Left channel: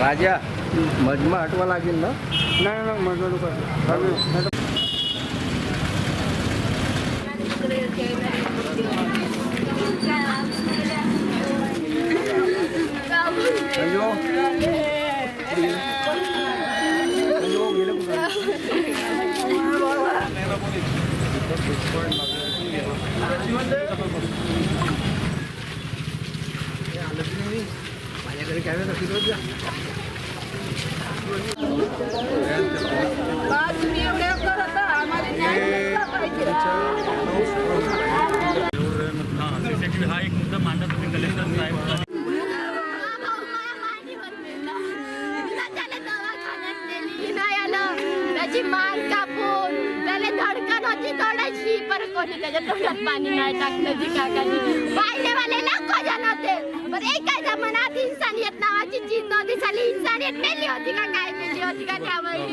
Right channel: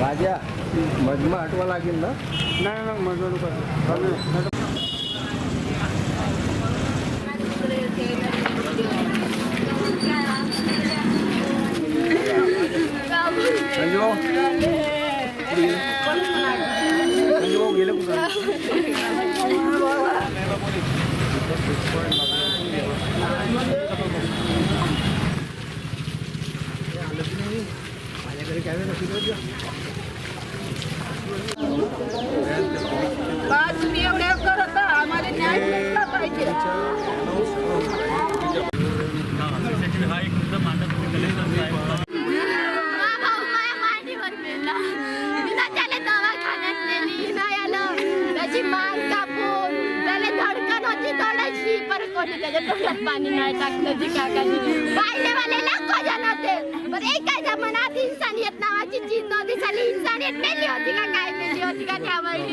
राजा मजमा हटवा लागेल ना? नाही मजमा गेलं कुठं? माझ्याकडे कॅमेरा नक्की तुम्ही एवढे करत आम्हाला न्याय मिळाला पाहिजे. हा एक मुद्दा मांडत होते कलेक्टर साहेब. त्याची मान कापून त्याला धडकन होती थोडीशी पर कोणी त्याच्या तोंडात पाणी नाही टाकलं जी काकाची पाहिलेवाले लाखो जण होते. पण एकाच्या मनात इन्सानियत नावाची चीज नव्हती. साली इन्सानियत मेली होती का काय मेली होती का त्यावेळी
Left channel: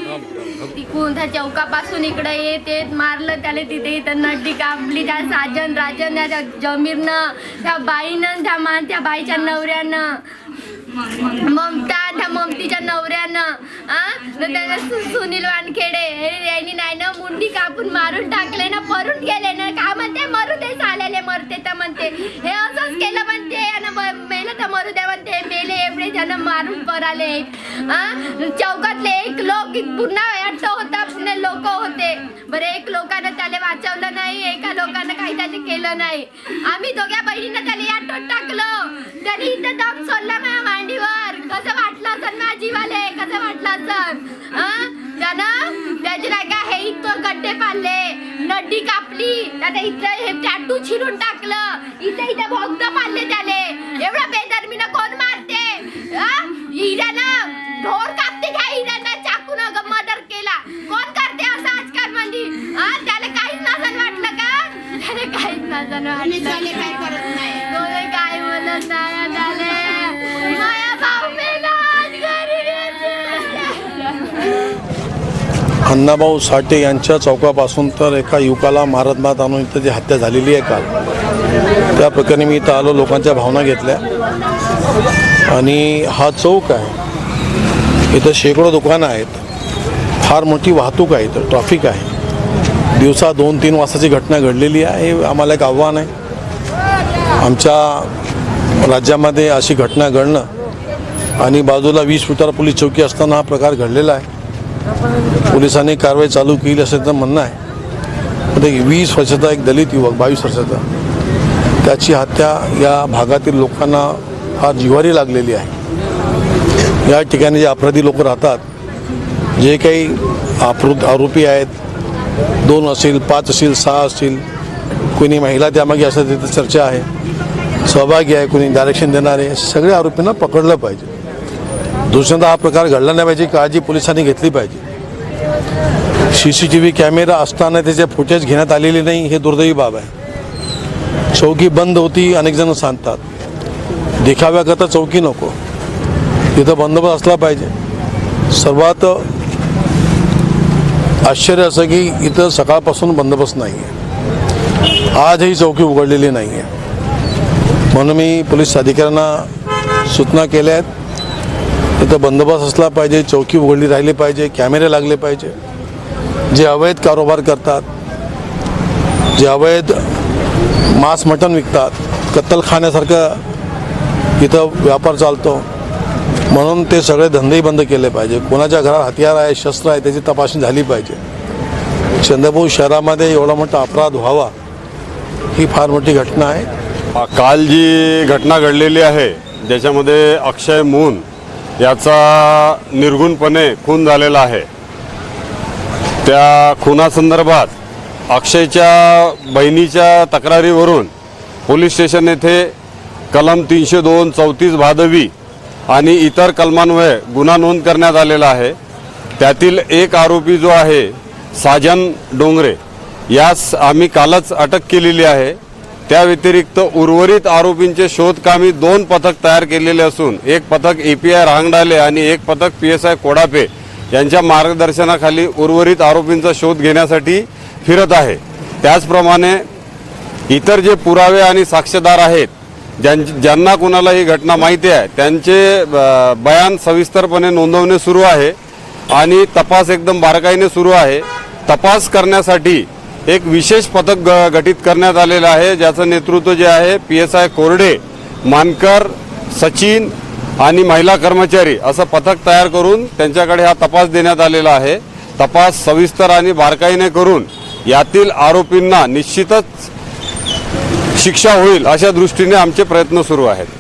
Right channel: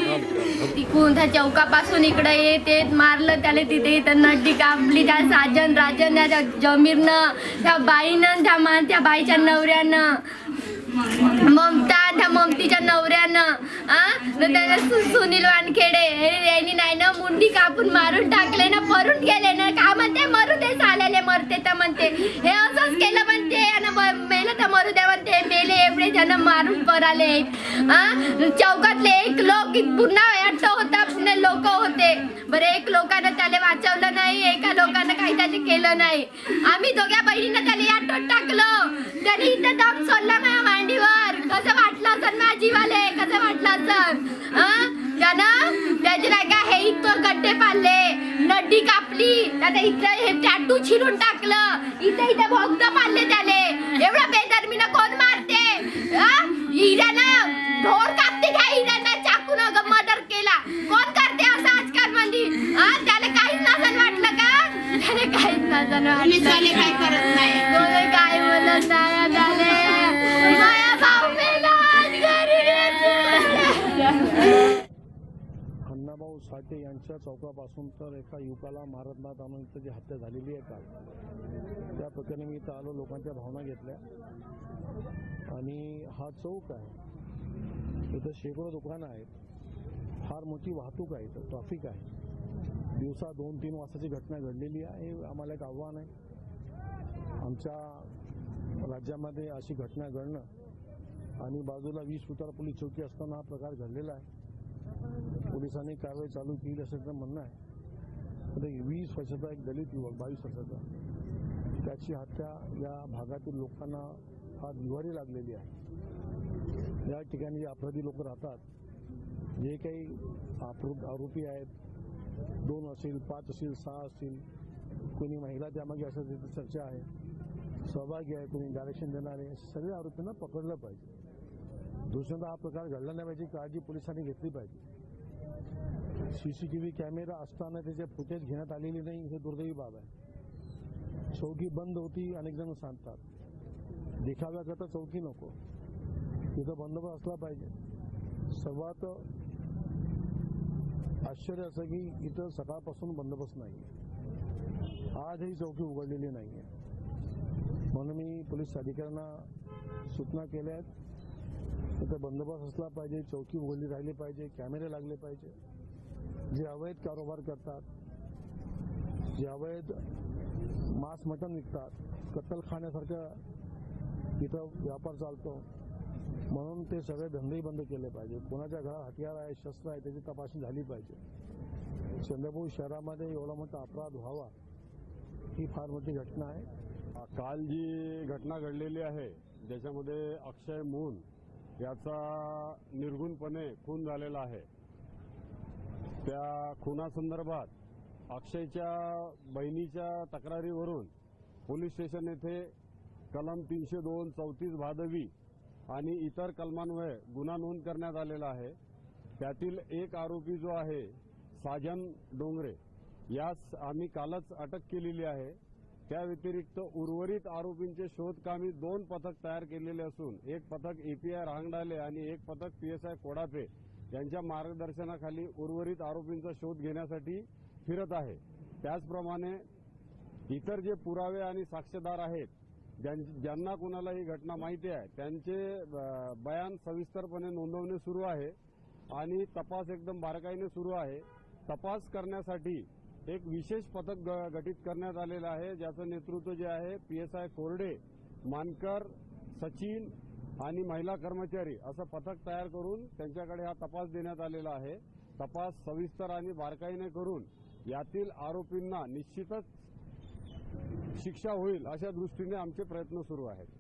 तिकून त्या चौकापासून इकडे येत मारलं त्याला तिथे इथं नड्डी कापली. त्या साजन राजन त्या जमीरनं त्या बाईनं त्या बाईच्या नवऱ्यानं त्या ममतीच्या नवऱ्यानं त्याला सुनील वानखेडे यांनी नाही ना मुंडी कापून मारून टाकले ना परून गेले ना का म्हणते मरू दे चालले मरते तर म्हणते हे असंच केलं म्हणते मेलं तर मरू दे म्हणते मेले एवढे जण मारून पराले. चौकातले एक लोक पुन्हा अट्ट होता पुन्हा लोक होते. बरं एक लोकांना त्याला वाचवलं नाही एका लोकांना काही त्याचे केलं नाही. आम्ही दोघ्या बहिणीनं त्याला आटोत टाकलं. त्याने इथं दम सोडला माझ्या मांडीवर. कसं वाटलं असेल माझ्या जीवाले कसं वाटलं असेल. त्यानं त्याचे नाही का हे इथं गड्डे पाडले नड्डी कापली त्याला इथलं हे टॅटू चिरून टाकलं इथे भोगद पाडले त्याले. एवढा बेदर्मीनं कोण मारते? हिऱ्यानं ढोर कापते घ्या हिऱ्यानं चाकून मर्डर केला कोण करते असं आजकाल मध्ये. त्याला काहीच नसन वाटलं का? त्याला काहीच नसन वाटलं काय करत नाही काय बोलत नाही त्याले. माया भाऊ मेला अण्णाभाऊ साठे यांच्या चौकापासून तर एका युवकाला मारत आणून इथं जी हत्या झालेली आहे काल त्या प्रकरणी मी इथं आलो लोकांच्या भावना घेतल्या. आणि हा चौक आहे इथं शेकडो दुकानं आहेत फार मोठी वाहतूक आहे इथं ट्रॅफिक आहे. दिवसा 2-3 वाजताची घटना घडलेली आहे. हे आम्हाला एक आव्हान आहे आमच्या राज्यामध्ये अशी घटना घडणं आणि बाजूला 20 फुटावर पोलीस चौकी असताना हा प्रकार घडलेला आहे. पोलिसांनी कारवाई चालू केली असं तर म्हणणं आहे. एक 20 वर्षाचा एक दलित युवक 22 वर्षाचा त्याची हत्या या भागातील लोकांना फार जिव्हारी लागलेली आहे. या ठिकाणी जे अपराधी लोक राहतात जे काही आरोपी आहेत 2 असेल 5 असेल 6 असेल कोणी महिला त्यामागे असं तिथं चर्चा आहे सहभागी आहे कोणी डायरेक्शन देणारे सगळे आरोपींना पकडलं पाहिजे. दुसऱ्यांदा हा प्रकार घडला नाही पाहिजे काळजी पोलिसांनी घेतली पाहिजे. CCTV कॅमेरा असताना त्याचे फुटेज घेण्यात आलेले नाही हे दुर्दैवी बाब आहे. चौकी बंद होती अनेक जण सांगतात देखाव्याकरता चौकी नको तिथं बंदोबस्त असला पाहिजे. सर्वात आश्चर्य असं की इथं सकाळपासून बंदोबस्त नाही आहे. आजही चौकी उघडलेली नाही आहे. म्हणून मी पोलीस अधिकाऱ्यांना सूचना केल्या आहेत तिथं बंदोबस्त असला पाहिजे चौकी उघडली राहिली पाहिजे कॅमेरे लागले पाहिजे. जे अवैध कारोबार करतात जे अवैध मांस मटण विकतात कत्तलखान्यासारखं इथं व्यापार चालतो म्हणून ते सगळे धंदेही बंद केले पाहिजे. कोणाच्या घरात हत्यार आहे शस्त्र आहे त्याची तपासणी झाली पाहिजे. चंद्रपूर शहरामध्ये एवढा मोठा अपराध व्हावा ही फार मोठी घटना आहे. काल जी घटना घडलेली आहे ज्याच्यामध्ये अक्षय मून याचा निर्गुणपणे खून झालेला आहे त्या खुनासंदर्भात अक्षयच्या बहिणीच्या तक्रारीवरून पोलीस स्टेशन येथे कलम 302 34 भादवी आणि इतर कलमान्वये गुन्हा नोंद करण्यात आलेला आहे. त्यातील एक आरोपी जो आहे साजन डोंगरे यास आम्ही कालच अटक केलेली आहे. त्या व्यतिरिक्त उर्वरित आरोपींचे शोधकामी 2 पथक तयार केलेले असून एक पथक API रांगडाले आणि एक पथक PSI कोडापे यांच्या मार्गदर्शनाखाली उर्वरित आरोपींचा शोध घेण्यासाठी फिरत आहे. त्याचप्रमाणे इतर जे पुरावे आणि साक्षीदार आहेत ज्यांना कोणाला ही घटना माहिती आहे त्यांचे बयान सविस्तरपणे नोंदवणे सुरू आहे आणि तपास एकदम बारकाईने सुरू आहे. तपास करण्यासाठी एक विशेष पथक गठीत करण्यात आलेलं आहे, ज्याचं नेतृत्व जे आहे PSI कोरडे, मानकर, सचिन आणि महिला कर्मचारी असं पथक तयार करून त्यांच्याकडे हा तपास देण्यात आलेला आहे. तपास सविस्तर आणि बारकाईने करून यातील आरोपींना निश्चितच शिक्षा होईल अशा दृष्टीने आमचे प्रयत्न सुरू आहेत.